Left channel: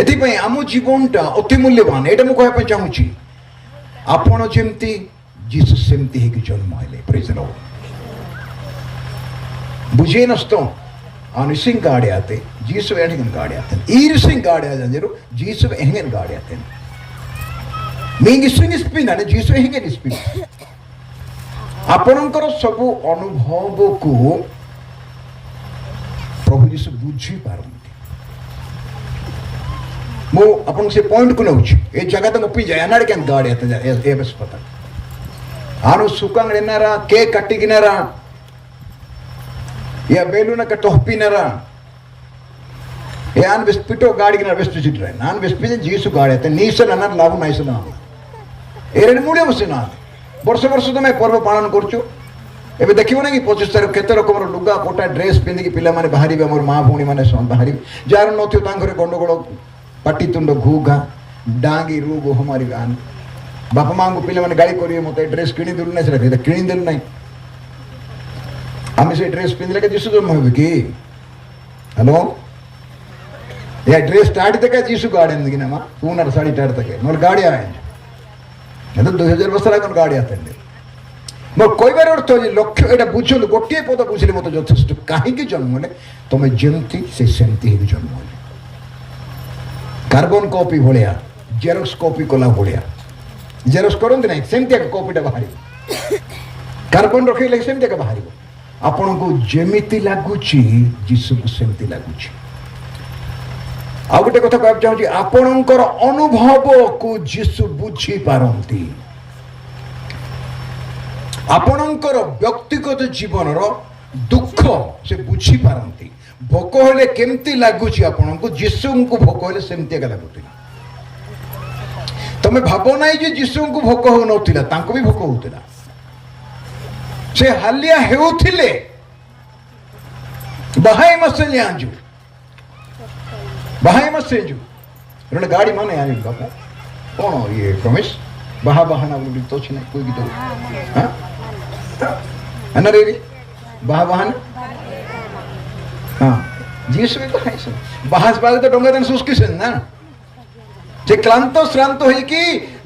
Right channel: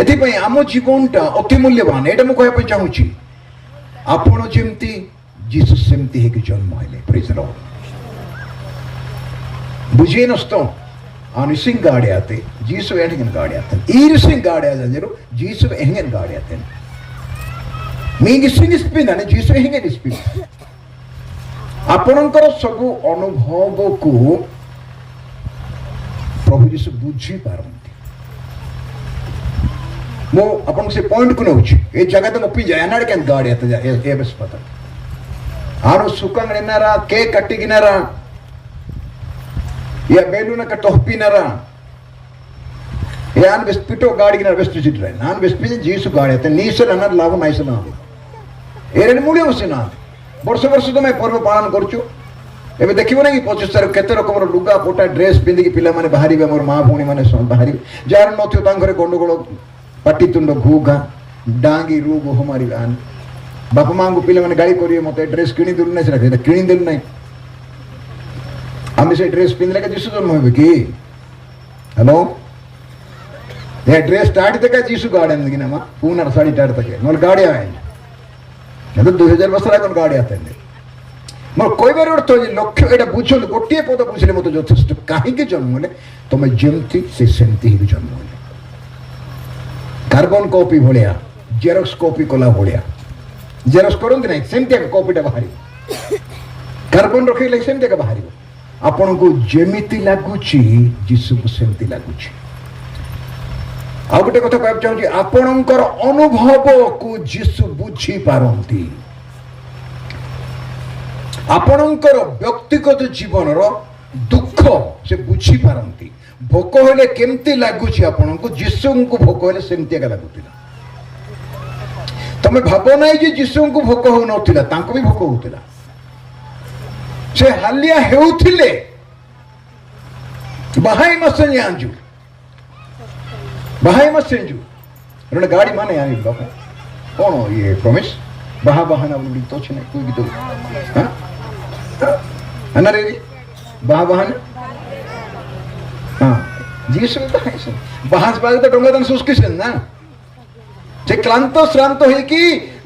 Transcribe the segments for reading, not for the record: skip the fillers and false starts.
एथिपाई आम जीवनटा अति मूल्यवान एटा मु कहबा चाहूची आपण जेमती जीसस सेमती है कि जन्म हेले प्रेज द लॉर्ड बुझे नस्तो आनिसिंग गाड़े आते जीसु एंगन गाड़े आते ईरसिंग गाड़े आ जरो जीसु एंगन गाड़े आते मींग स्विंग स्पिन ने जीसु एंगन स्पिन आपणकर सब अनुभव को प्रभु जीसु बुझी पारंती मो अपन से पॉइंट को नउछ ए जगह तो मपी जाय अनाड केन गाड़े आते ए बस पता आरो सुकांग रेनारा के कट्टी गिनारा या बेलूना का टोपी नरा यान वेस्पिटो गाड़ी गिनारा वेस्ट चिट्रे नान वेस्पिजे जीसु गाड़े आते नीसर अनाड लाभ नाइस ना एरेड मुळे बसिना वर्ष वर्ष तो मैं पर्व पालन करछु एबे देखिबो ना कि 25 तार केते रकम लुगा कोटा ड्रेस पिंदी कि पिला माने बाहरिबे हमर मां भौणी माने बाहरी जार नथियो तां घरे गंडगोल पाटी तुंड घूघा डांगी रूब हमारी आन बापा मां को पिला माने गाड़ी करिए मते ड्रेस किनी दुल नै रखे किनी देल नै आमे से ड्रेस पिन लगे जीसु जन्म होबे की हेलो ये ड्रेस स्टार्ट तक जीसु गाड़ी अंदगिना मा पूनर साड़ी टाड़ तक नोल गाड़ी आए ಅದು 2000 ವರ್ಷ ಆಗನ ಗಾಡಿ ಆತಂದೆ ಮೋ ಕೊಯ್ಬೆರ ಅರ್ಥ ಲಕ್ಷ್ಯ ಎಡ ಬುझಲು गोटिए पद बुझले मते যথেষ্ট काहीके जन्म होले तमे जेमती से सेमती ही जन्म होले कार्बन कॉपी भलिया जेरॉक्स कॉपी कोला भलिया जेरॉक्स करंत नै सेमती एक कॉपीटा बाहरी कार्बन रखिले सेमती का बाहरी आपन को जेमिति लागुची जीसु को सेमती लागुची आ गोटे कथा कहब चाहूँ आपणकर अनुभव को जीसु बुझी पारंती आपणकर व्यक्तिगत जीवन दुख से बुझी पारंती भोक हेले केमती लगुची आपन को जीसु को भोक हेले सेमती का लगुतिला तमे भाबो नै जे जीसु को भोक हो नथिला तांको भी भोक होतिला से हालिया हेउथिले बहाई मसन आंजू बहाई मत सेंजू रण गाड़ी माने आई बापू कौन हो ये प्रमेश बहा बहाना बोली तो छने कोई भी तो हां अना रे बहा बहाना हां जीसु में बहाई से बहास बाले तो डोंगा दन सुस्की से ना जे क्लांत श्रांत होई कि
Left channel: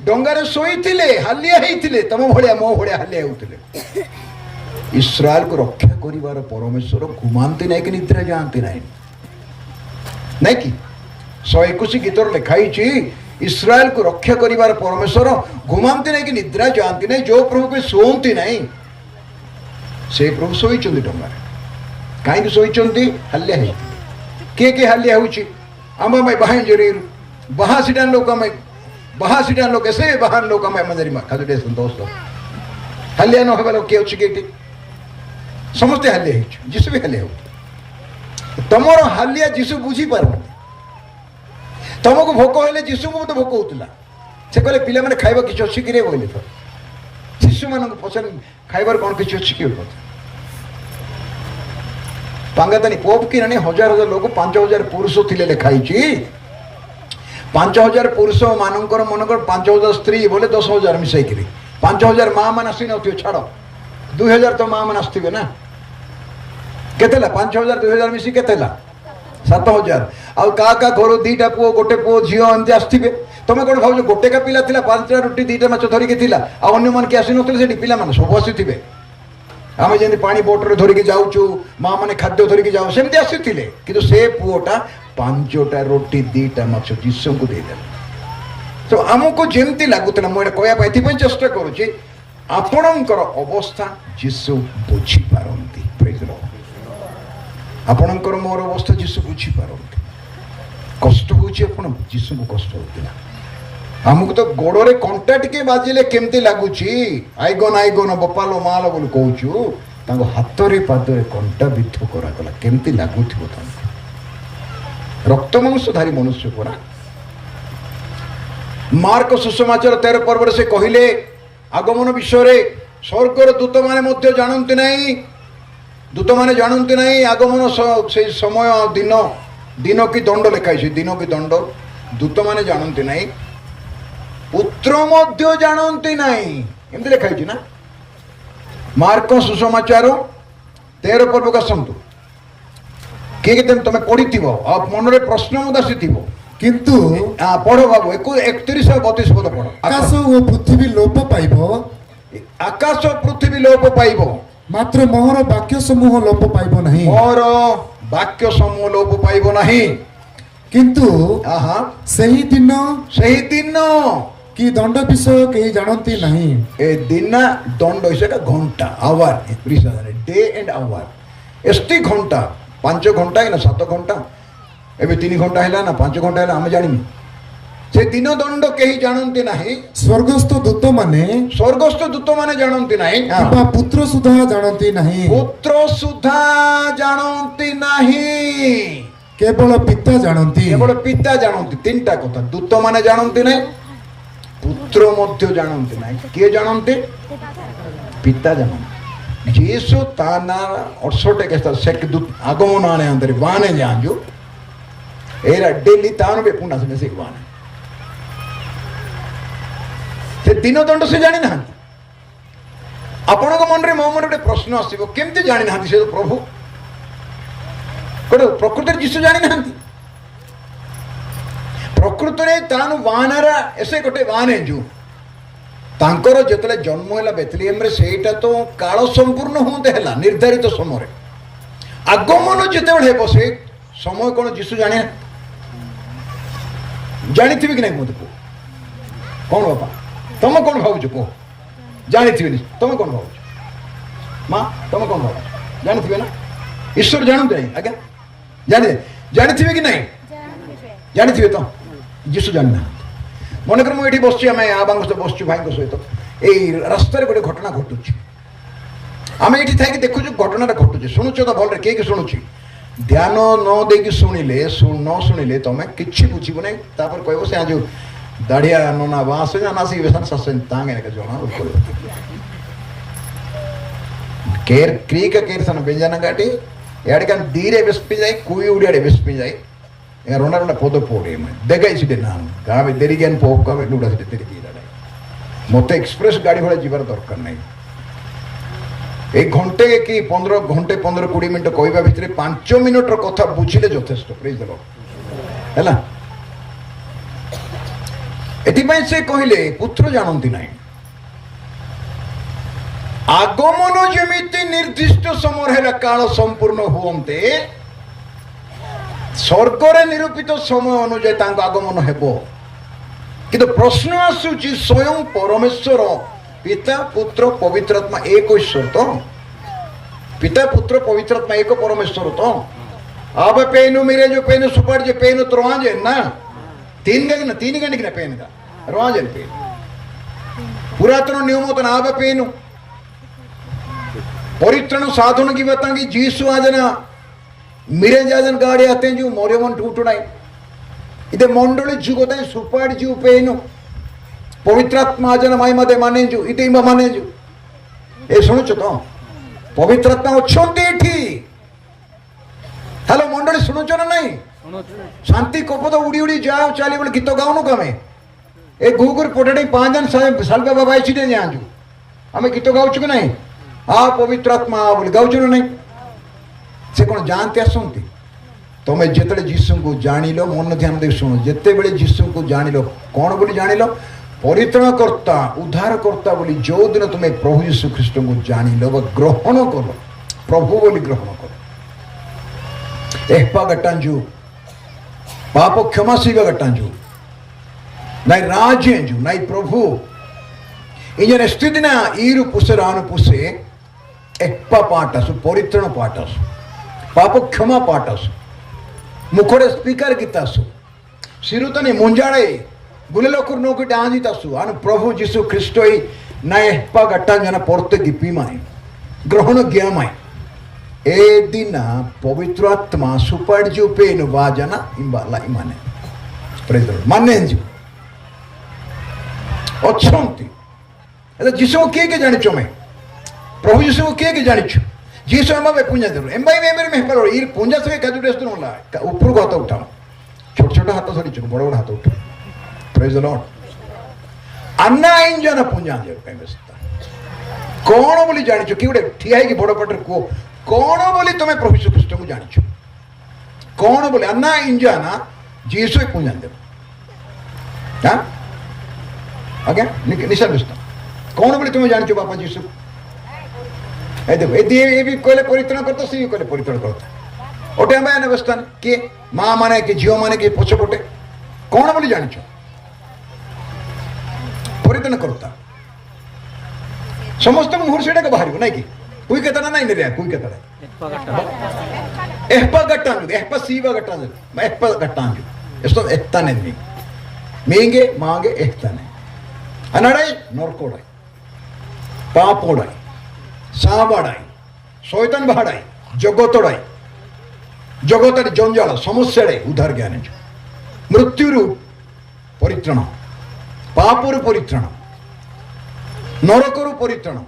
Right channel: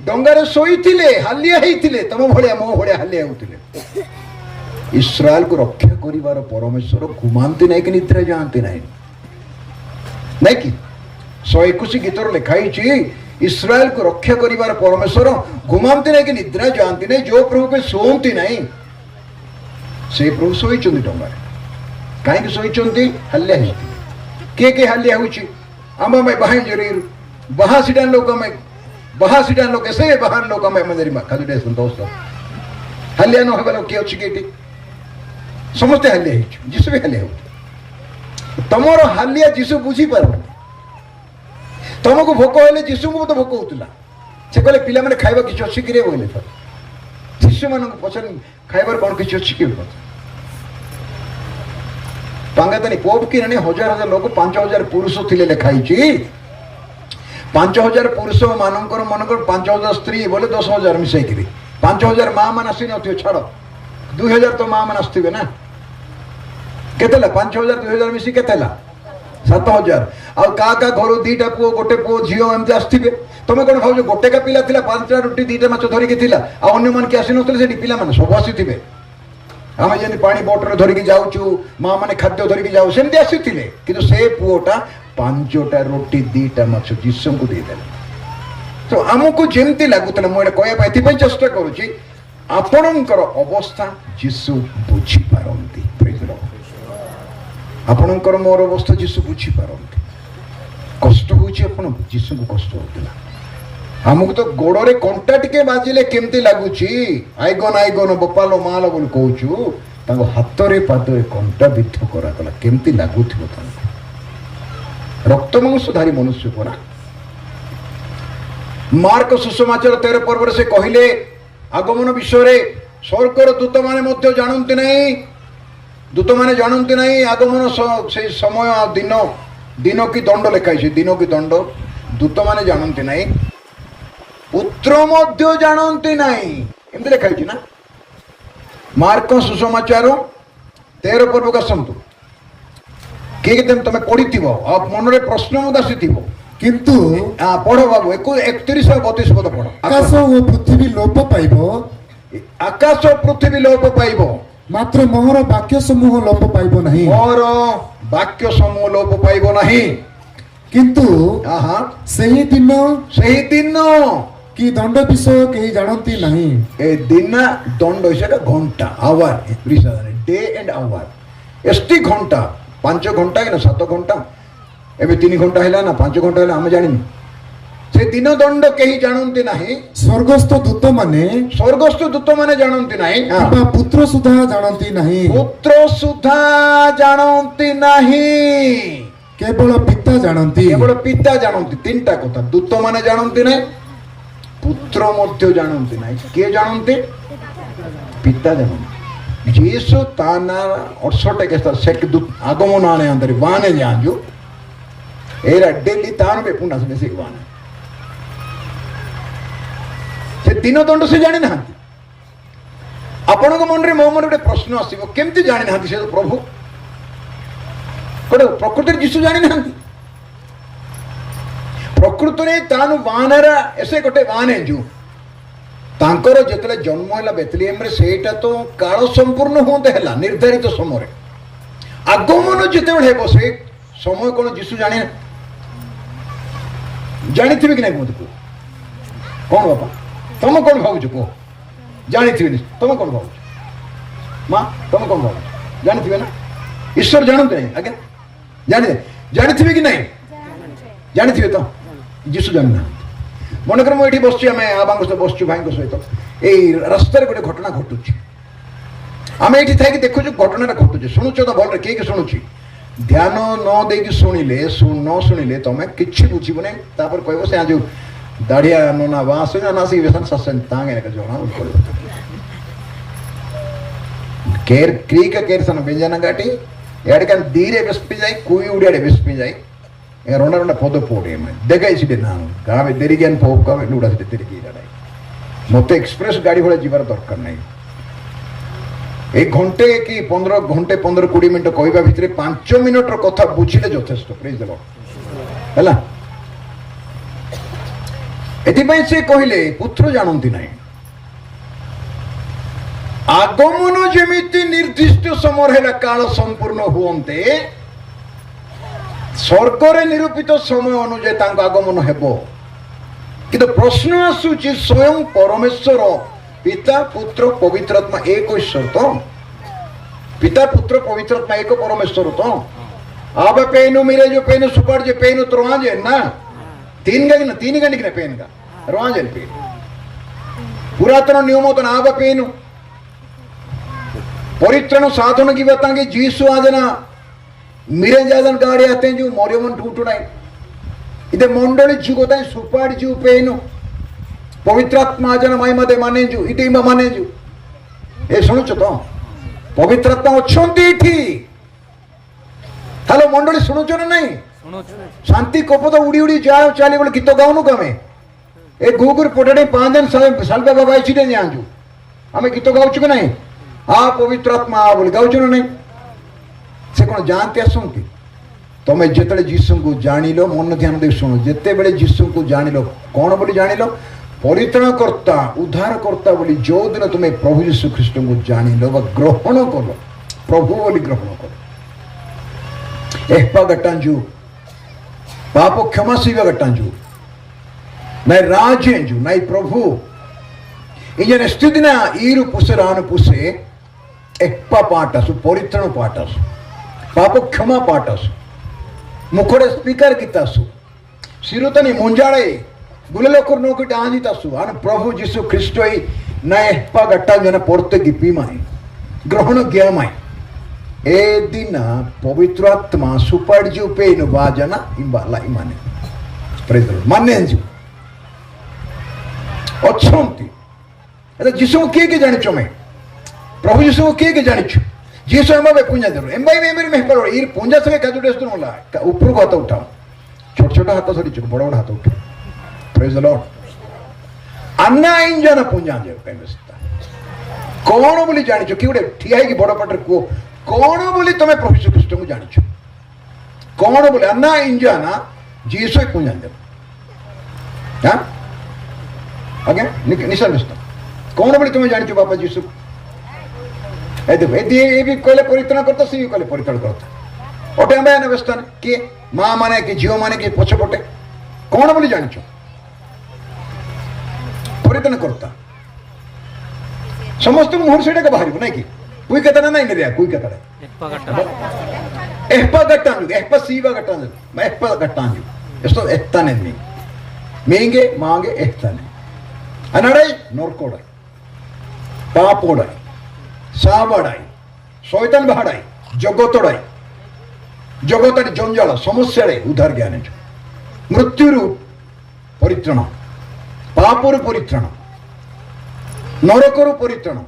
डोंगा रे सोई थिले हालिया हेई थिले तम भलिया मो भलिया हालिया होतिले इस्राएल को रक्षा करिवार परमेश्वर घुमांती नै कि निद्रा जानती नै नहीं कि 121 गीतर लिखाई इस्राएल को रक्षा करिवार परमेश्वर घुमांती नहीं कि निद्रा जानती नहीं जो प्रभु को सोती नहीं से प्रभु सोई डोंगा कहीं सोई हल्ल्या के हल्ल्या होची आम मैं बहाई जरीर बहासीडान लोक ऐसे बहान लोक मैं मंजरी खजुडे दोस्त हल्ल्या न होगा किए अच्छी केटी समस्ते हल्ल्या जीसु भी हल्ल्या हो तमर हालिया जीसु बुझी पार तुमको भोक हेले जीसु को मत भोक होता से कहले पिला माने खाइबा किछ अछि कि रे बोले तो शिशु मान पसंद खाइबार कोन किछ अछि कि टांगे तनी पोप कि ने हजार हजार लोग 5000 पुरुष थिले लेखाई छी 5000 पुरुष मानकर मनकर 5000 स्त्री बोले 10000 मिसाई करी 5000 मां मान आसी नथियो छाड़ 2000 तो मां मान आस्थिबे ना केतेला 5000 2000 मिसी केतेला 7000 आ का घर दीटा पुओ गोटे पुओ झियो एमती आस्थिबे तमे कोन भाउ गोटे का पिला थिला 5टा रोटी 2टा माछ धरि के थिला आ अन्य मान के आसी नथिले से पिला मान सब आसीथिबे आमे जनी पानी बोतल धरि के जाउचू मां माने खाद्य धरि के जाउ सेमती आसीथिले किंतु से पुओटा 5टा रोटी 2टा माछ जीसु को दे देला तो हमको जेमती लागुतला मोडे कोया पाइथि पय चेष्टा करूची आपणकर अवस्था जीसु बुझी पारंती प्रेज द लॉर्ड आपणकर मोर अवस्था जीसु बुझी पारंती कष्ट होची आपण जीसु को कष्ट होतला हमको तो गोड़े कंटा टिके बाजिले केमती लगुची आईगन बपालो मालो बोल कहूचु तांको हाथ रे पाद रे कंटा बिद्ध करा गला केमती लागुथिबो त रक्त मांसधारी मनुष्य कोना मार्क सुसमाचार 13 पर्व से कहिले आगमन विषय रे स्वर्गर दूत माने मध्य जानन्ति नाही दूत माने जानन्ति नाही आगमन से समय दिन की दंड लिखाई दिन की दंड दूत माने जानन्ति नाही पुत्र मध्य जानन्ति नाही एमती लिखाई ना मार्क सुसमाचार 13 पर्व का संतु किए तुम पढ़ी मन में प्रश्न मत आसी କିନ୍ତୁ पढ़ बाबू 31 और 32 पद पढ़ ଆକାଶ ଓ ପୃଥିବୀ ଲୋପ ପାଇବ, आकाश पृथ्वी लोप पाइब ମାତ୍ର ମୋହର ବାକ୍ୟ ସମୂହ ଲୋପ ପାଇବ ନାହିଁ। मोर वाक्य समूह लोप पाइब नहीं। କିନ୍ତୁ आहा ସେହି ଦିନ सही दिन କି ଦଣ୍ଡ ବିଷୟ କେହି ଜାଣନ୍ତି ନାହିଁ। ए दिन दंड हिसाब घंटा आवर डे एंड आवर एसटी घंटा 5 घंटा है ना 7 घंटा एबे 3 घंटा है ना 5 घंटा है आम जानी से दिन दंड कहीं जानती नहीं। ସ୍ୱର୍ଗସ୍ଥ ଦୂତମାନେ स्वर्गस्थ दूत माने जानती नहीं କିମ୍ବା ପୁତ୍ର ସୁଦ୍ଧା ଜାଣନ୍ତି ନାହିଁ, पुत्र सुधा जानती नहीं କେବଳ ପିତା ଜାଣନ୍ତି। केवल पिता जानती। 3टा कथा दूत माने जानती नहीं, पुत्र मध्य जानती नहीं, किए जानते पिता जानते। जीसु ताना 68 के साथ सेक दूत आगमन आने अंदर वाने जाजू एरा डेली तान बे पुना से से वाने से दिन दंड से जानि ना। आपण को मन रे मो मन रे प्रश्न आसीबो केमति जानि ना से प्रभु कोड प्रकृति जीसु जानि ना। प्रकृति रे तानु वानरा ऐसे गोटे वाने जू तांकर जेतले जन्म हैला बेथलेहेम रे सेटा तो काल संपूर्ण होते हैला निर्धारित समय रे आगमन जेतेबे हेबो से समय कोन जीसु जाने जानिथिबे कि नै मत को कोन बाबा तुम कोन भाउछ को जानिथिबे नि तुम कोन भाउछ मां तुम कोन भाउछ जानिथिबे ना ईश्वर जानते नहीं आगे जानिथिबे कि नै जानिथिबे तो जीसु जानना। मनकर मुझे बसुँ आम आबांग सहित बसुँ भाई सहित यही रास्तार गोटे घटना घटू आम ये थी देखु घटना घटू शुणुच तो भल किए शुणुची ध्यान न दे शुणिले न शुणिले तुम कि बुझब ना कह से जो दाढ़िया नना बाँसे ना सी ससें तांगे जना केर क्रीक केर सन बेंजाना गाटी एड़े दीरे बेस्पी जाए कुई उड़े बेस्पी जाए रोना रोना पद पोड़े देखाई ना गावे देरी लुड़ा से तेरी मत एक्सप्रेस गाड़ी भाड़ा जीवार दरकार नहीं। एक घंटे कि 15 घंटे 15-20 मिनट कहवा भितर 5 मिनट कथा बुझिले यथेष्ट प्रेज द लॉर्ड हैला। एथिपाई से कहले पुत्र जानती नहीं आगमन जेमिति निर्दिष्ट समय है काल संपूर्ण हुंते स्वर्गर निरूपित समय अनुजाई आगमन हेबो किंतु प्रश्न आसूची स्वयं परमेश्वर पिता पुत्र पवित्र आत्मा एक ईश्वर तो पिता पुत्र पवित्र आत्मा एक परमेश्वर तो आप पेनु मेरे जो पेनु सुपर जो पेनु तो रोजे ना 3 घंटे की पेन का रोजे पेन पुरातन नियम तो आप पेनु परित्रण साधन की बताएंगे जीसु आजना मेरे जादन गाड़ी आते हैं जो मोरे मन टूटुनाई इधर मंडली जुगोता सुपाड़ जू पेनु पवित्रात्मा आजना माई मदे माने जू इते माने जू ए सुनुच तो पवित्रात्मा अच्छी इठी हेलो मंडली सुनुच ना नहीं शांति कपद उड़ी उड़ी जाओ चाली बोले गीत गाउनु कमे ए गुगुर पोटेडे 5 दिन सालबा बाबा आइछि दे जाजू हमें गीत गाउछु कि नहीं आ पवित्रात्मा बोले गाउछु ना नहीं से कौन जानते आसती तुम जिते जीशु को जान लो मन ध्यान दे शुणु जिते बड़े जीशु को जान लो कौन बोली जान लो परित्राणकर्ता उद्धारकर्ता बोली जो दिन तुम्हें प्रभु यीशु ख्रीष्ट को जान लो ग्रहण कर प्रभु बोली ग्रहण कर एहपा गट्टांजू पाप क्षमा शिव गट्टांजू नाई राजेंजू नाई प्रभु इंजन स्थिति ना ईरु पुसे रानु पुसे एहपा पाटसु परित्राण पाटसु पाप क्षमा पाटसु मुखड़े स्पीकर गीतासु सिरुतनी मुंजाड़े गुलेलो कुरनो की डांजितासु आन प्रभु जीसु ख्रीष्ट ही नए पा गट्टा जना पोरते गिपी माई ग्रहण गया माई ए दिन पवित्र आत्मा सुपाड़ जू पे नु बाजना इम्बाला इमाने प्रेज द लॉर्ड माने जू अच्छोंती एदा जीसु को किए के जानिचो मैं प्रभु जीसु को किए के जानिचो जीसु एमा बे पुंजा दरो एमबाई मेमर में करो ई पुंजा से काजू टेस्ट नला ऊपर को हाथ उठा छोट छोट हाथ सरी बड़ बड़ हाथ उठा प्रेज द लॉर्ड अन्ना इंजन पुंजा जे पेमेस्ता कौन बोली जानिचो कि गोटे ठिया है कि बड़ पटर को कौन बोली तमे प्रभु यीशु ख्रीष्ट को जानिचो कौन बोली अन्ना इंजन जीसु एक पूजन दे हाँ ओके निशान दोस्तों कौन बोले तुम्हें जानते हो बापा जीसु ए देखो ये भी कहले परित्राण करता सी भी कहले परित्राण करता ओटे हमें अवस्थान किए माँ माने कि झील माने कि पछपटे कौन बोले जानछ परित्राण करता समस्त मुहर से बाहर नहीं कि कोई कहता ना नहीं रे कोई कहता एहपा गट्टांजु एहपा सीवा गट्टांजु मैं एहपा गट्टांजु एस्तो एहताने नहीं मेंगे मांगे एहताने अनड़ाई नोरकोड़ाई पापोड़ाई साबड़ाई शैतान बहाड़ाई जगतड़ाई जगतारी जंजाल समस्या उद्धार ज्ञान मृत्यु परित्राण पापर परित्राण नरकर परित्राण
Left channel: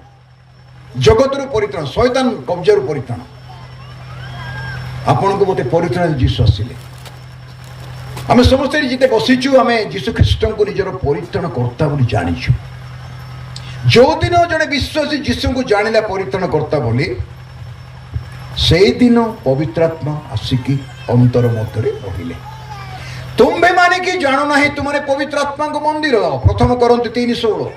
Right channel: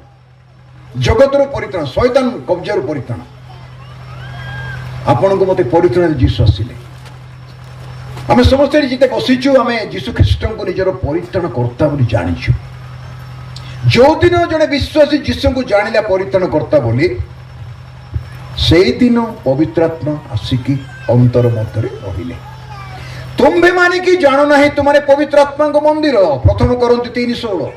जगतर परित्राण शैतान कब्जार परित्राण आपण को मत परित्राण जीशु आसिले आम समस्त जिते बसीचु आम जीशु ख्रीस्ट को निजर परित्राण कर्ता बोली जानिछु जो दिन जड़े विश्वासी जीशु को जानिला परित्राण कर्ता बोली से दिन पवित्रात्मा आसिकी अंतर मध्य रहिले तुम्भे माने कि जानो नहीं तुम्हारे पवित्रात्मा को मंदिर प्रथम करंती 3:16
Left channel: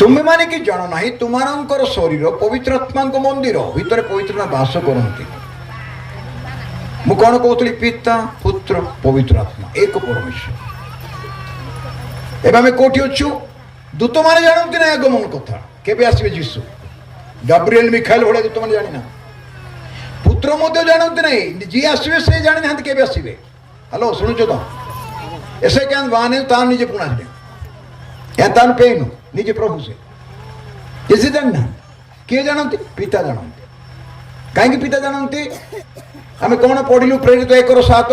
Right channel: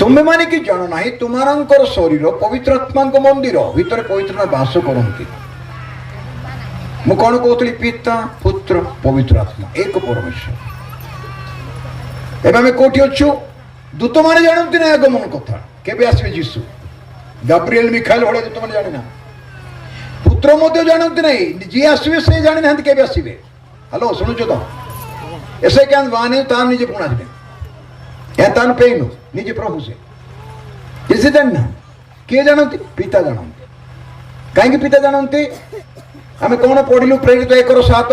तुम्हें माने कि जानो नहीं तुम्हारा शरीर पवित्रात्मा मंदिर भितर पवित्र बास करती मु कौन कहती पिता पुत्र पवित्र आत्मा एक परमेश्वर एवं आम कौटी अच्छु दूत मैंने जानती ना आगमन कथा केबे आसवे जीसु गाब्रिएल मिखाइल भाई दूत मैंने जाना पुत्र मध्य जानती नहीं जी आसवे से जानी ना केबे आसवे हेलो शुणुच तो ऐसे क्या बाने तान निजे पुणा या तान पेनु निजे प्रभु से इसे जानना किए जानते पिता जानते कहीं पिता जानते आम कौन पढ़लु प्रेरित 1:7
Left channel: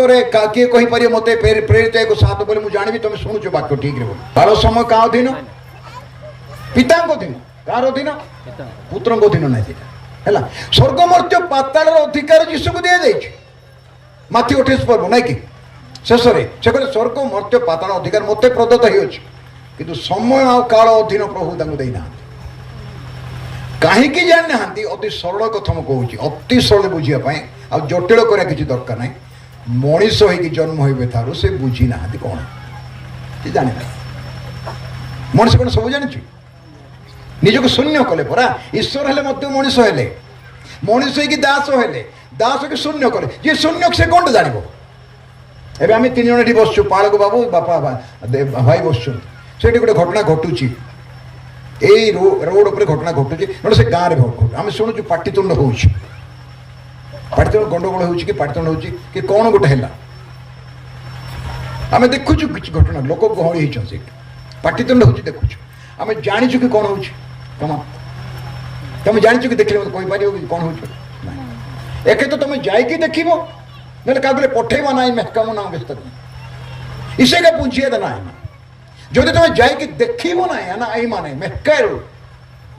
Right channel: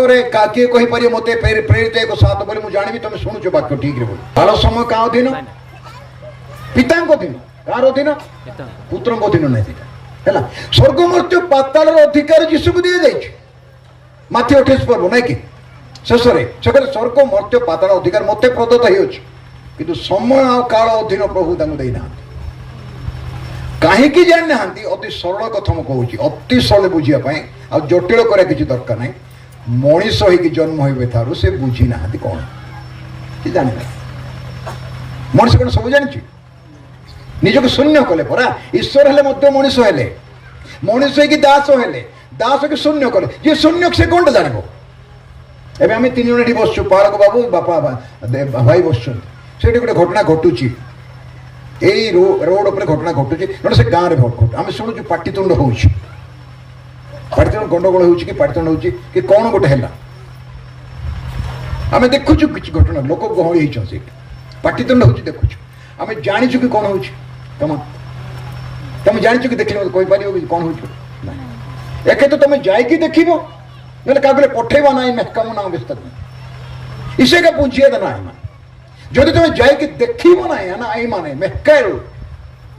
किए कहीपर मत प्रेरित 1:7 बोले मुझे जानी तुम शुणुच वाक्य ठीक रे तार समय क्या अधीन पिता अधीन कार अधीन पुत्र अधीन नहीं है स्वर्ग मर्त्य पाताल अधिकार जीशु को दि जाए माथि 28 पर्व नाई कि शेष स्वर्ग मर्त्य पाताल अधिकार मत प्रदत्त हो किंतु समय आ काल अधीन प्रभु देना कहीं जानी ना अति सरल कथा मुझे कहूँ अति सरल बुझापी आ जटिल करा किसी दरकार ना मनीष हो जन्म हुए थारू से बुझी ना कौन कि जानी ना मनीष कौन सब जानी निजक शून्य कले परा ईश्वर हेले मनीष हेले मनीष हो दास हेले दास के शून्य कले जी शून्य से कौन जान एवं आम 3 जन बसु पालक बाबू बापा भाई बस से गोटे घटना घटुची यही रोड उपर घटना घटुची ना से गाँव में घटू आम शुणुचु पाटितुंड हो गंडगोल हो पाटितुंड हो कौन गोटे है आम देखुचु किसी घटना लोक गहली होती पाटितुंड हो देखुचु आम जाचु कि कौन हो तुम जाच कि देख कहीपर कौन हो एक तो तुम जाकि देख ना क्या पठेवा ना मेहका ना व्यस्त इसे का पूछिए देना जदि तुम जाकि देख ना ना आई माने मेहका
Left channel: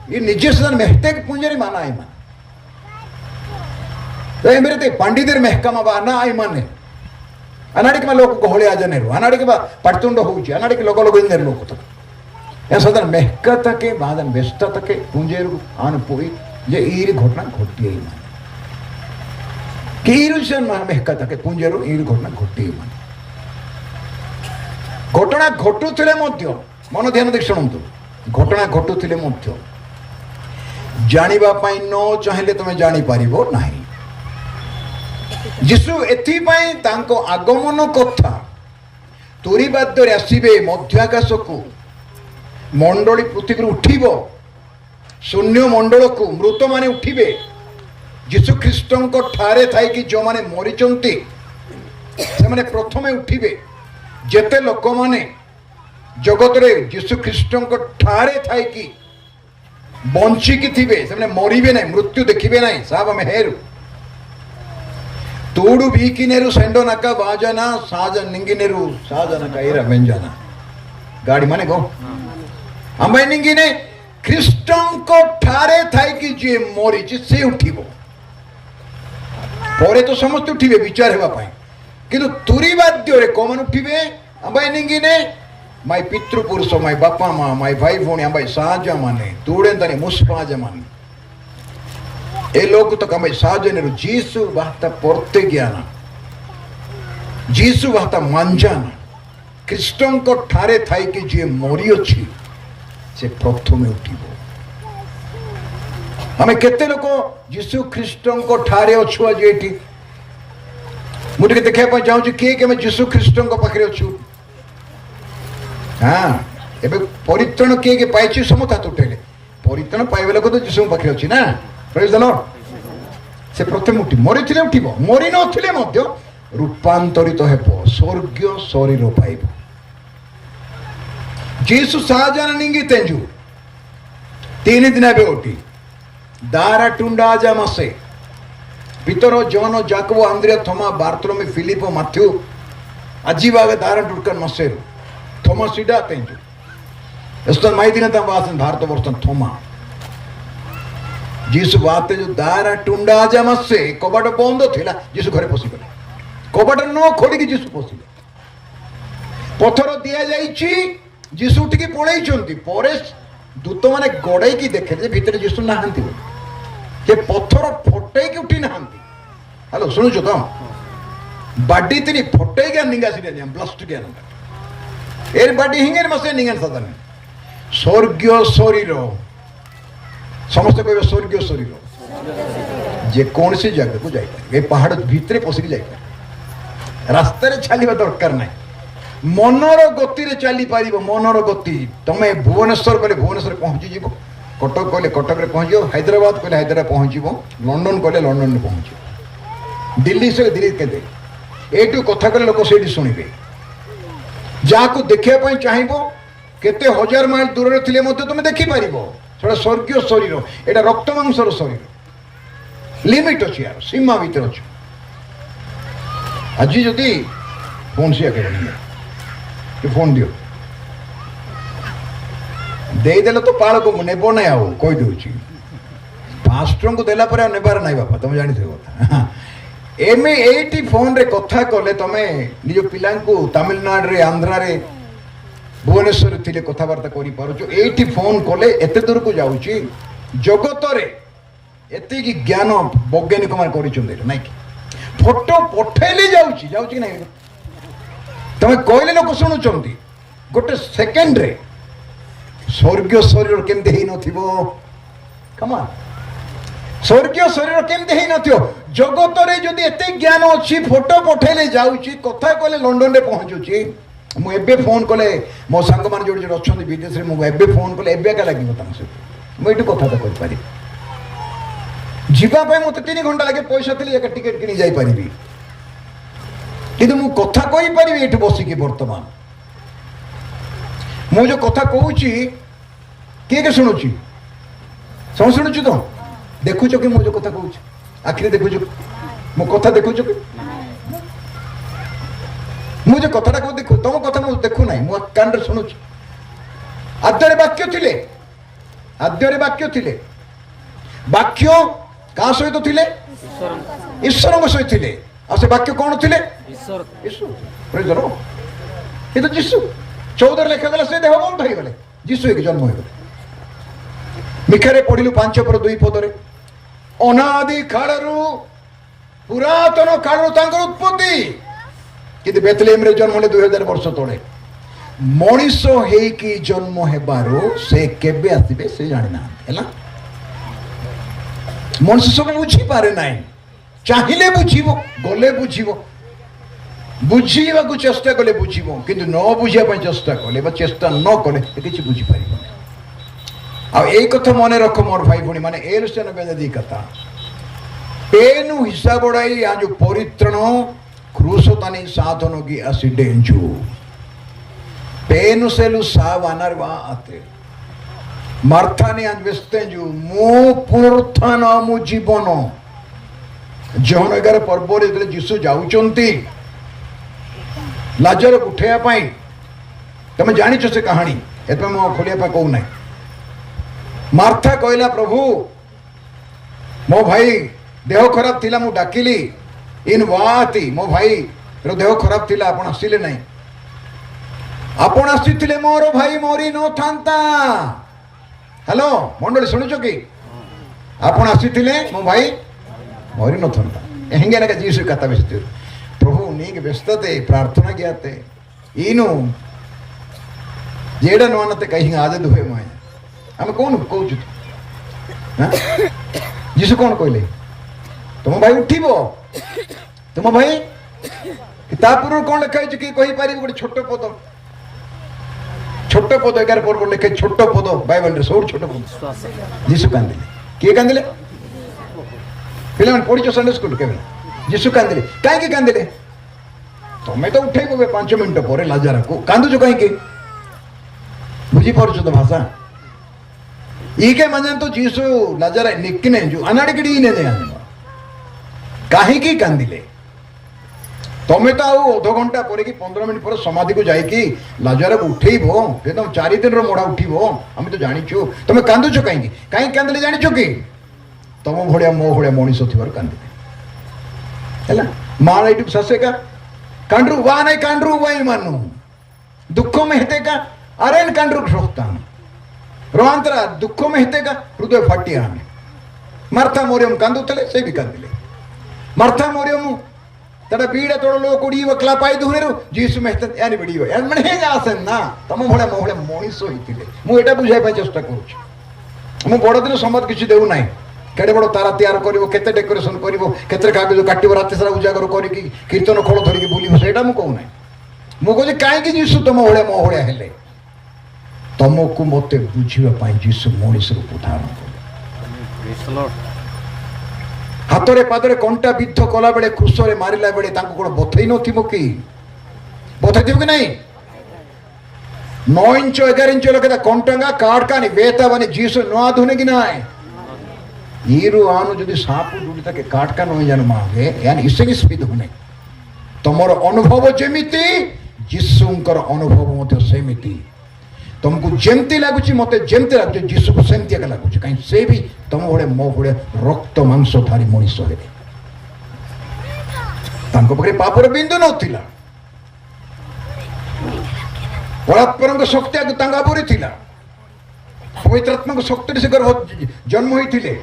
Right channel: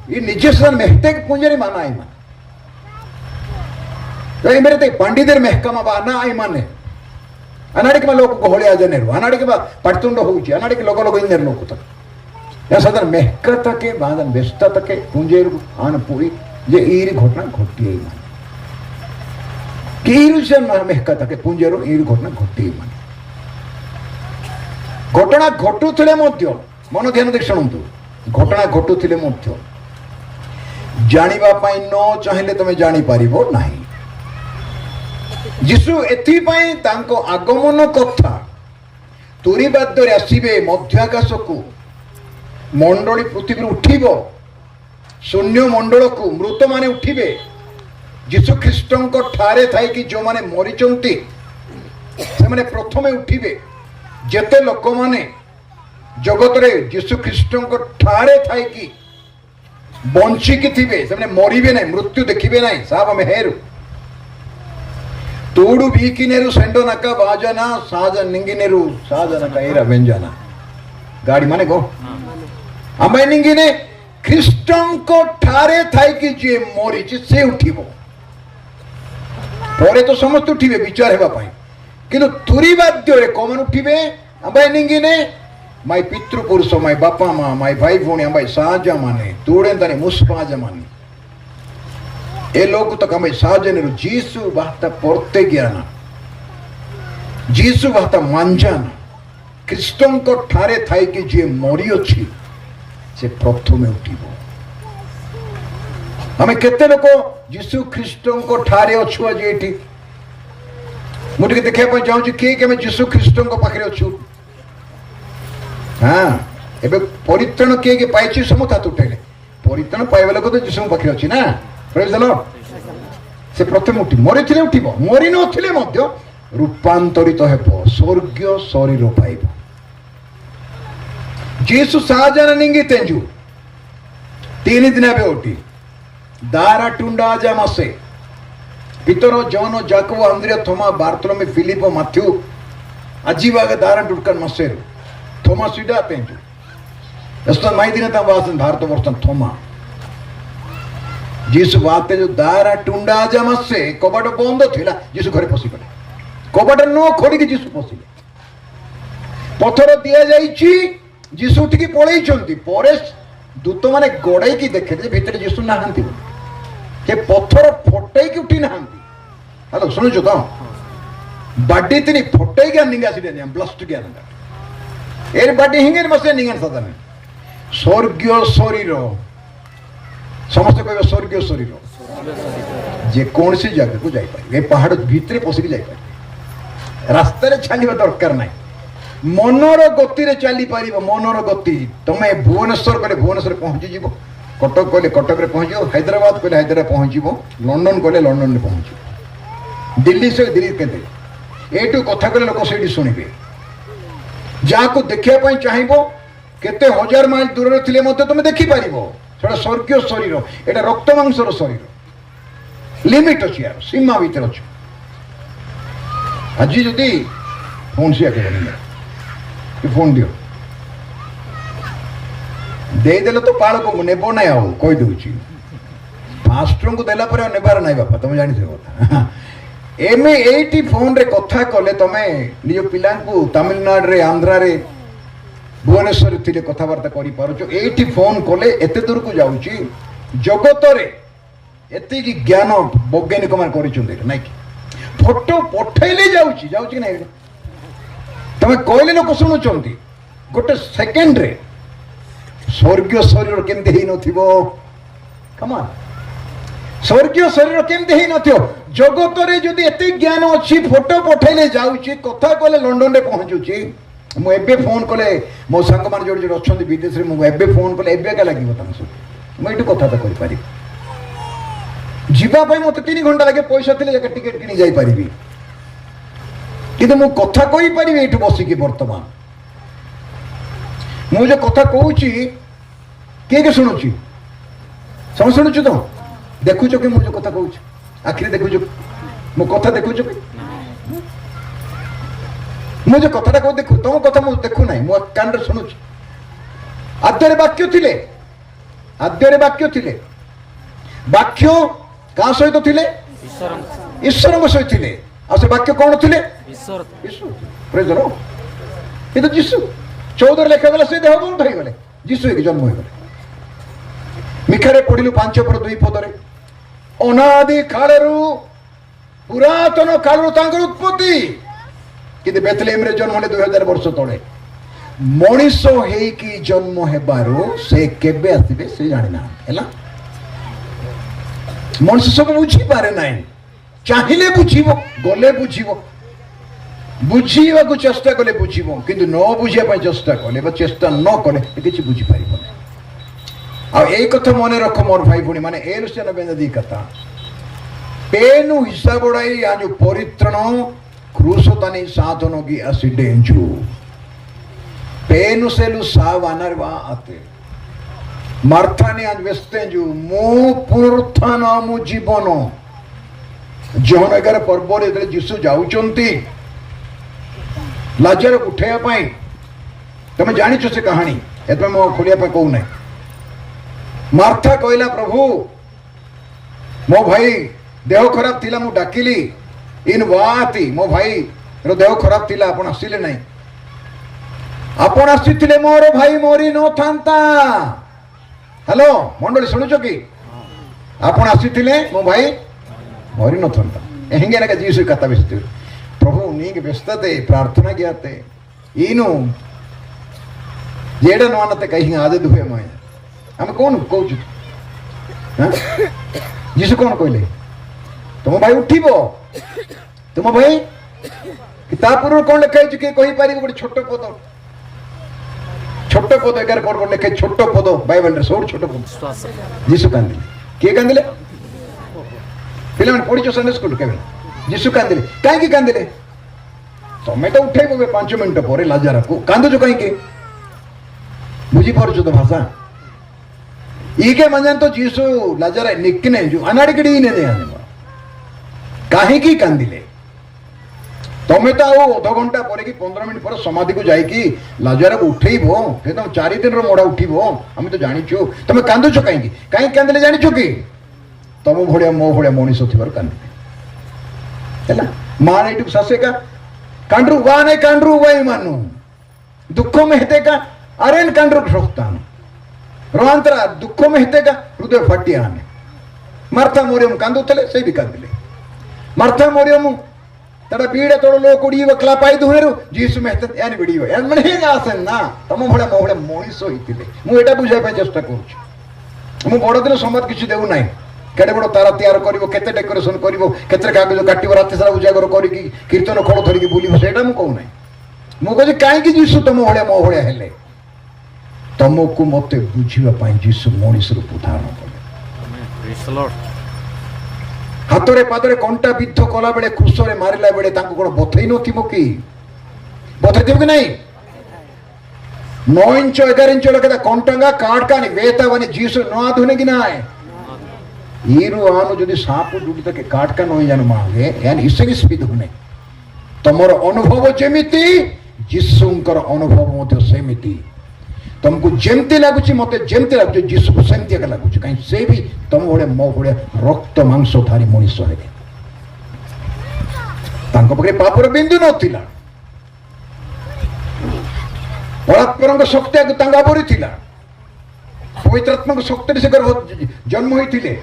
ये निजे सदन मेहते पुंजरी माना आई मान मेरे पंडितर मेहका ना आई माने अनाड़िक लोक गहली आज नेहरू अनाड़िक पड़तुंड हो अनाड़िक लोक लोग लोक या सदन मेहका तके बादन व्यस्त तके पुंजेरु आन पोई जे ईरी घटना घटी माने कीरु से मेहका तके पुंजेरु ईरी घटना घटी माने घटना घटुले मन ध्यान देख शुणु घटना घटुले जानिबा पाई न चाहिए तुम जानी पारिबो नाही जीशु एथिपाई तांको आगमन कथा तुरीबाद्य आसबे मध्य आकाश को मंडली पृथ्वी उठिब शून्य मंडल को मृत माने उठिबे जीशु ख्रीस्ट ठारे थाई कि जो माने मरीचंती से माने प्रथमे उठिबे जेते लोक माने जगत रे जीशु ख्रीस्ट ठारे थाई कि बंचिकी थिबे से माने मरिबे नै मृत्यु देखिबे नै साब मेहेरु तूडु बीकिनेरु सेंडो नका बाजना साज निंगिनेरु साज नका इरा व्यंजना गाड़ी माने गो आमे निंगिने ख्रीष्टन को ठारे थाई कि जे मरी से उठिबो परे तो समस्त उठिबे विचार हेबा पाई किंतु तुरीबाद्य रे कोमन उठिबे आमे निंगिने माय पितृपुरुष माय बापा माँ माय भाई भौणी आमे साजा माने तोड़े तने मुस्पाज माने ए लोग तक आमे साजने जीसु बात पड़ते ज्ञान जीसु भाता मांजान ख्रीष्टन को ठारे थाई कि जे मरी अच्छी से प्रथम उठिब आम केते लोक जीसु ख्रीष्टन को ठारे अच्छु आज ये मुझे देखा चाहूँ किए कि जीसु ख्रीष्टन को पाखे अच्छु हाँ एबे परित्राण किए पाई समस्त हाथ उठेले परित्राण पाइबा लोक तो जीसु पाखे अच्छी ना प्रेज द लॉर्ड से प्रथम उठी मरी थे उठिब मरी नथिले मध्य रूपांतरित हेब स्वर्गीय शरीर पाइब जीसु साजान निंगी तेंजु 3 दिन एबे उठी दारा टुंडा जा मसे पितर जॉन जाकब आंद्रिया थोमा बार्थोलोमे फिलिप मैथ्यू अजीवागे दारा टुडकर मसे थोमा सीधा तेंजु एस्तो माई दिन ता वासन भारत वर्षन थोमा जीसु बाते जो दारा टुंडा जा मसे कबाट बंद थिला जीसु घरे पसी गले कबाट न खोली कि जीसु पसिले पथर दिया जाईची जीसु उठिकी पळेई चंती परे दूत माने गड़े की देखे जे भितर जीसु नाहंती से पथर फटई की उठी नाहंती हेलो सुनो तो बाडी तिनी फटई के निंगा सिले ने ब्लास्ट के आनंद एर बाडी हिंगे मसे निंगन सदन स्वर्गीय शरीर समस्त कोई स्वर्गीय शरीर जे कौन सी जगह को जाई पारे ए पहाड़ भीतर पसिक जाई पारे रास्ता रे चलिबा दरकार नाही मनर गति रे चली पारिबो मनर गति तमे भुवनेश्वर गले भुवनेश्वर पहुंची जीवो कटक गले कटक रे पहुंचियो हैदराबाद गले हैदराबाद पहुंचिबो लंडन गले लंडन रे पहुंचिबो दिल्ली से दिल्ली के दे एटू कथा गले लोक सेठी सुनिबे जाको देखिया पई चाहिबो केते हजार माइल दूर रे थिले मते तुमे देखि पारिबो सेटा स्वर्गीय शरीर एटा रक्त मांसर शरीर लिमिट अछि यार सीमा भीतर अछि आज जदी फोन से आके कि फोन दियो देदेले तो पाल को नेब ना कही दूची पास्टर को देला पर नेबार नाई बापा तुम जानी कथा एमे एटी फोन रे कथा कले तमे निज पिला को तमिलनाडु रे आंध्रा रे भुवनेश्वर थिले कथाबार्ता करि पारुचो एटी फोन कले एते दूर को जाउची जगत रे एते की ज्ञान वैज्ञानिक मान करिचुंदे नै कि फोटो पठेले जाउची जाउची नै तमे कहले लोक शुणुचंती गोटे सेकेंड रे स्वर्गीय शरीर केमती हेई नथिबो कमा स्वर्गीय शरीर केमती हेई नथियो जगत रे जदी एते ज्ञान अछि फोटो पठेले जाउची कथा कहले लंडन रे पहुंचुची मु एबे फोन कले मो संग मान जोड़ जोड़ अछंती विदेश रे मु एबे फोन कले एबे का लागिबो तम से मु एटू कथा तो कहि पारि जीवा पे मते 3 घंटा लागे पैसा थिले जाके टिकट किनी जाई परिबी किंतु मु कथा कहि परिबी एटू बसी कि वर्तमान मु जो कथा कहूची के सुनुची सब सुनुछु तो देखुछ कि मु जो कथा कहूची आखिर देखुछ मो कथा देखुछ कि मु जो कथा को देखु तुम कथा मु देखु नाही मो कान रे सुनुछु आद्यरे वाक्य थिले वाक्य का सहित थिले ईश्वर को सहित थिले आ से वाक्य कौन थिले ईश्वर प्रेज द लॉर्ड ये तो जीसु 14 लेखा गला से देह बंद हो गले जीसु के जन्म हो गले मिखरे पढिलु 5 पर 2 पद रे अनादि कालरु पुरातन कालरु तांकर उत्पत्ति किंतु बेथलेम रे जन्म ले 2000 वर्ष तळे मनीष हे की जन्म हेबारो से केबे आसीबे से जानि ना हैला मनुष्य सब बुझी पारे नाही चाहिले बुझिबो गले बुझिबो बुझीवा को चेष्टा कले बुझिबो किंतु न बुझिया पय चेष्टा कले बा चेष्टा न कले किछि बुझी पारिबो आ ए कथा मने रख मोर भाई भुणी माने ए रुसन बेदी कथा पेनु हिसाब उड़ाई आज परित्रण क्रूसतानी साधन की आसी डेंजू पेनु सेलु सावानर वा आते मार्थानी आज व्यस्तेंजू मो पुरथना मु जीवन जहन 11 पर्व रे जीसु जाउचंती लाजर उठेया पाई तुम जानिछ से कहानी एते मो खोलिया पा कहू नै मार्था कहला प्रभु मो भाई देह खराब थिला मु डाकिली इन वाती मो भाई रो देह खराब थिला आपण आसिले नै आपण आसिथिले मोर भाई मोरी न थांता हेलो मंडली सुनुचो कि आपण आसिथिले मो भाई मोरी न थांता हेंगे ना जीसु कथा बेसते प्रभु नीक व्यस्तते प्रार्थना कियाते इनु जेडन मानते कहीं आदत हुए मैं हम कौन कहू जीसु कौन कहले तुम भाई उठिबो तुम भाई किताब कौन लिखा कि कही पारि गोटे छोट पद 11 पद लिखे छोट पद बाइबल रे सब छोट पद जीसु कांदिले किए कांदिले पिला पढ़ी संडे स्कूल के जीसु कांदिले कहीं कांदिले तमें तो उठे 5 मिनट पर लाजार को कांदुच कहीं बुझी पार तो भाषा ईके मजान तो जीसु लाजार निकने जो अनाड़िकड़ी कहीं कांदिले तमें तो अध घंटा पर कि 15 मिनट पर समाधि को जाइकी लाजार को उठेबो फिर तुम 4 दिन मोड़ा उठिबो हम तो जानिछु तमें कांदुच कहीं कहीं कांदिले जानिछु कि तम भड़िया मो भड़िया मनीष थी कांदिले माँ ये शासे का कांड्रू वा नहीं कांड्रू वाई मानू दुख में हेते का अरेन कांड्रू ठोकतान रोआंतरा दुख में हेते का हृदय फाटिया हमें मार्था मोरियम कांदुतले से भी कांदिले मार्था मोरियम तड़ा पीड़े तोड़ लो कुड़ी व क्लापाई दुहनेरु जीसु में हेते यानी बिड़ीव यान मने हे आसेन ना तम भड़ा मोहले मनीष होइतिले मु एटा बुझाई पे चेष्टा करूछु मु बड़ दिन समाज किछि देउ नाही केडे बड़ तारा तैयार करिवो केते डेकोरेशन करिवो केते कागज काटिवो राति सारा उजागर करिकी कीर्तन खोल धरिकी बुलिवो सेटा मु कहू नाही मु कहै काई कि जीसु तम भळे मो भळे हेले तमको मते बुझिवा पाई जीसु मनीष रूप धारण कले हातरे पादरे कंटा बिद्ध कला बेले क्रूसरे मारिला बेले ताको कोन बथै नथिबो कि बथै दियो कि नहीं 9 इंच 11 इंच लगा कंटांगा काटकानी वेतावनी जीसु नो धुने कि नाही ईरु आनु जदि साप जुड़ी तक काटका नहीं जाने मांगे यानी इससे स्पीड होने तमर अनुभव जेमिति जीसुंकर अनुभव मते सेमिति तुमको जेमती लागुची मते जेमती लागुची जीसु को सेमती का लागुची कहीं से भी तुम ओडे मो ओडे रक्त मांस धारी मनीष हेले तांको पकरे पापर बिंदु नथिला परात्परंग शक्ति को तांगा परि थिला पवित्रात्मक शक्ति से जन्म होइथिले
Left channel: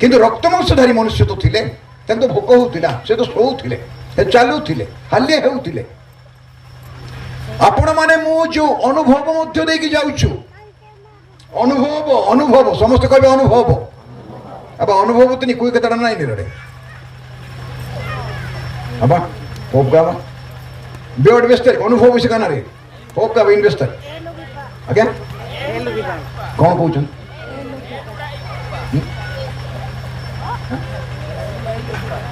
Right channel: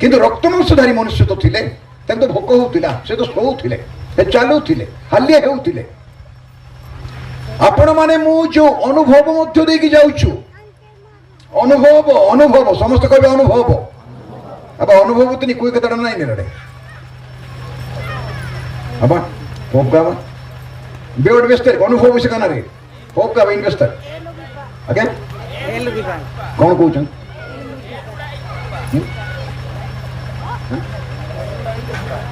किंतु रक्त मांसधारी मनुष्य तो थिले तो भोक होउथिला से तो सोउथिले से चालुथिले हालिया हेउथिले आपण माने मु जो अनुभव मध्य देकी जाउछु अनुभव अनुभव समस्त कहबे अनुभव अब अनुभव तनी कोई कतडा नाही ने रे अब होगा बेड वेस्टर अनुभव विषय काना रे होगा इन्वेस्टर ओके कौन कहउछन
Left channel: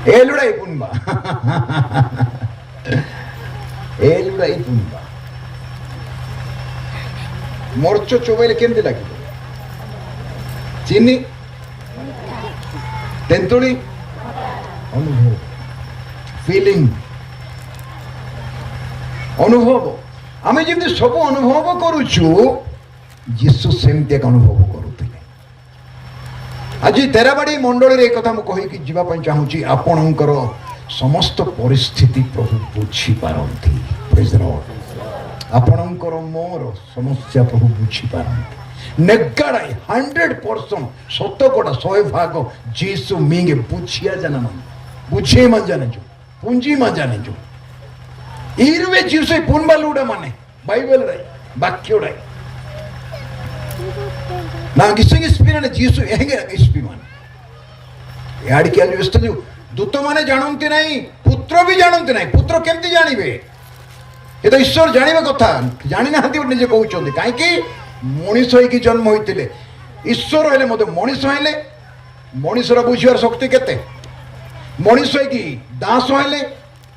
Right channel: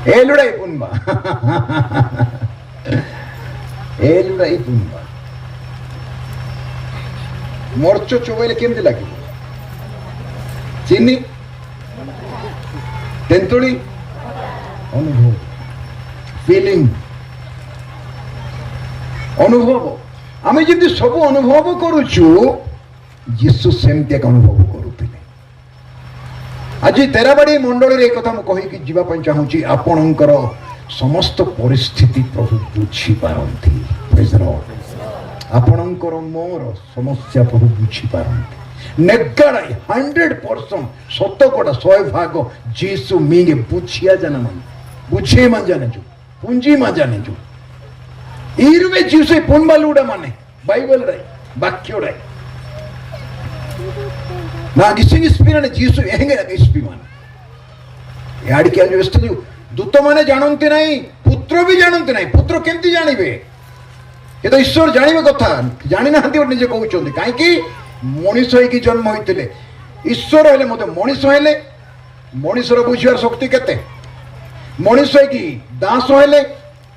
ए लुड़ाई पुनबा ए लुड़ाई पुनबा मोर्चो चोबेले केमती लगे चीनी तेंतुड़ी अनुभव फीलिंग अनुभव आमे जब सब अनुभव करुचु जीसु सेमती एक अनुभव करुथिले आज तेराबाड़ी मंडल रे कथा मु कहि कि जीवा पय चाहूची आपणकर समस्त परिस्थिति प्रभु बुझी पारंती प्रेज द लॉर्ड आपणकर मोर समस्या प्रभु बुझी पारंती नेगाड़ाई 100% शतकड़ा 100% जीसु मिंगे बुझिया जाना बुझे मा जाने जो पूंजी मा जाने जो इरवे जीसु पुनबालुडा माने बाइबल रे वाक्य रे ना किसी स्पिरिट जीसु हेंगे स्पिरिट याडी के व्यस्त दूत माने जानते नहीं पुत्र भी जानते नहीं पुत्र केमती जानबे ये तो ईश्वर जानवे कथा जानी ना निजे कहते कहीं मनीष होगी जन्म होते ईश्वर हेले मत मनीष हेले मनीषर बुझार शक्ति केते मनीष होगी दास हेले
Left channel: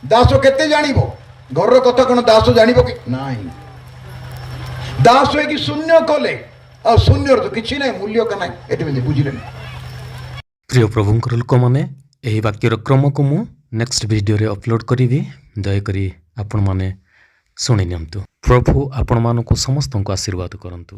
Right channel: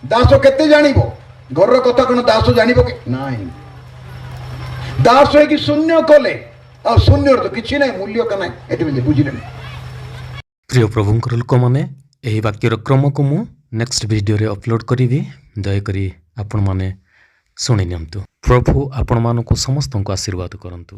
दास केते जानिबो घर कथा कौन दास जानिबो कि नहीं दास होगी शून्य कले आ शून्य तो किछि नहीं मूल्य का नहीं एते बुझिले नहीं प्रिय प्रभुंकर लोक माने एही वाक्यर क्रम को मु नेक्स्ट वीडियो रे अपलोड करिवि दयाकरी आपण माने शुणी नियंतु प्रभु आपण मानकु समस्त को आशीर्वाद करंतु।